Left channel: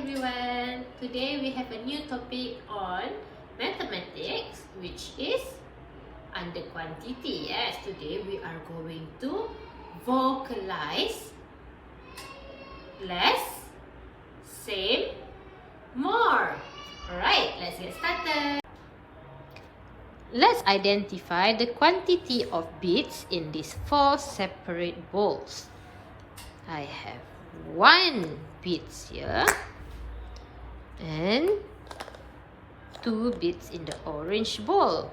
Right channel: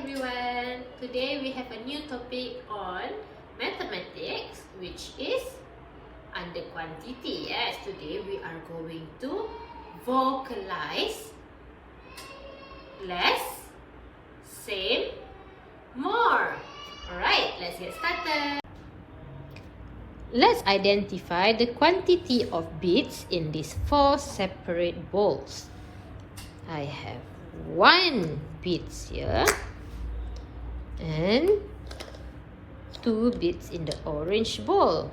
everyone! Today we have a new topic on mathematics, which is under quantity. Yes, today we are going to vocalize less, same, more. Alright, let's get started. Let's identify the quantity of bits in these 4 separate bowls. I have 1 bits here and 2 bits in the orange bowl.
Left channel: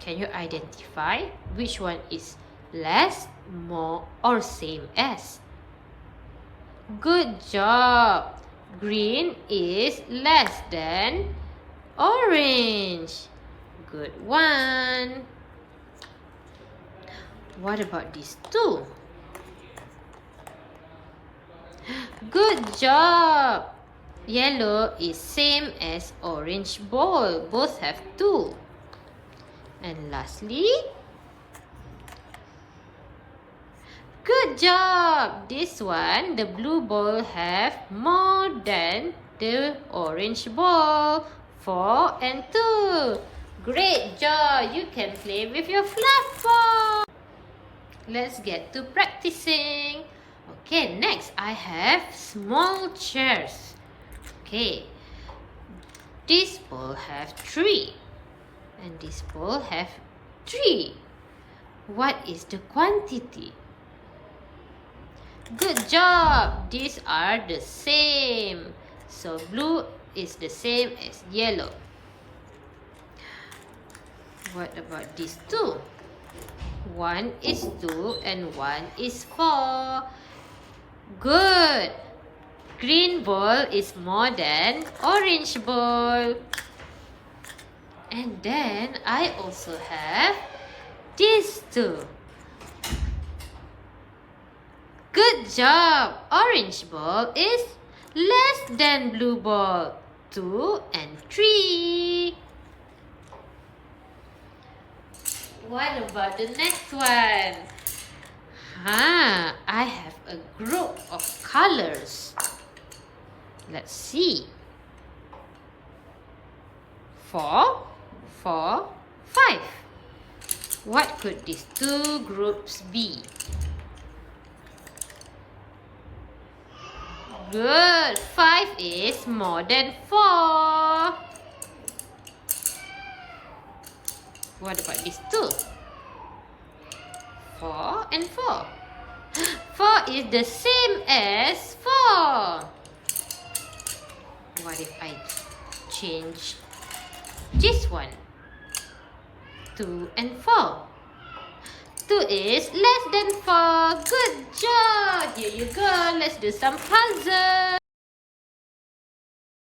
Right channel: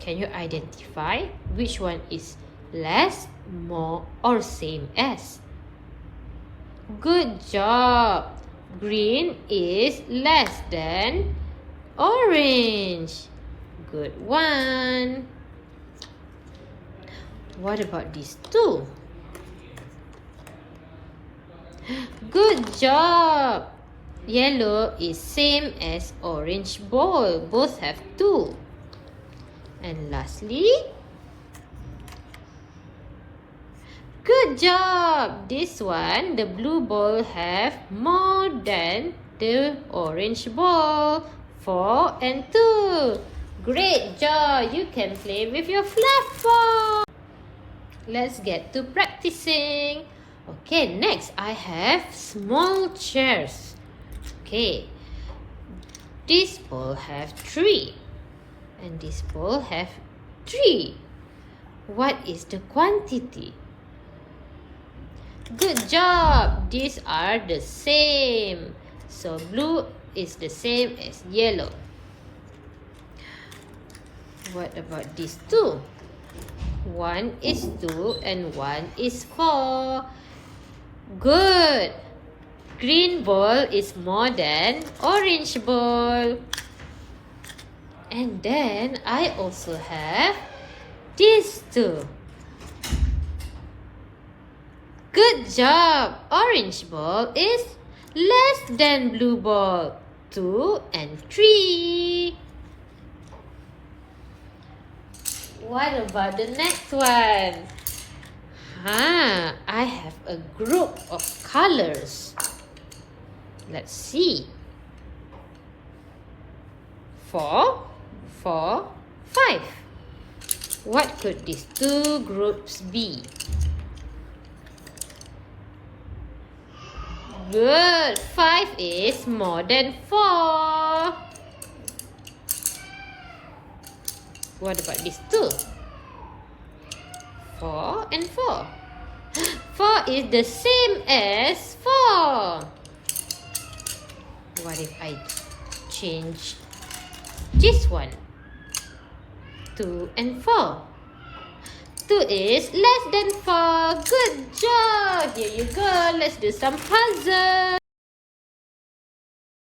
Can you identify which one is less, more, or same as? Good job! Green is less than orange. Good one. What about these 2? Good job! Yellow is same as orange bowl. Both have 2. And lastly, good job! This one, the blue bowl have more than the orange bowl. 4 and 2. Great job! You can play with your fluff ball. Let's get to practicing. Okay, next I have small chairs. Okay, this bowl have 3 and this bowl have 3. What is the quantity? Good job! These are the same. So blue is the same as yellow. What about these 2? 1 is 2 and 1 is 4. Good! Green bowl is more than orange bowl. And then I also have these 2. Good job! Orange bowl is less than blue bowl. 2 and 3. What about the next one? I have a group of colors. Let's see. 4, 4, 5. What could these 2 groups be? Good. 5 is more than 4. What about these 2? 4 and 4. 4 is the same as 4. What if I change this one? 2 and 4. 2 is less than 4. Good job! Here you go. Let's do some puzzle.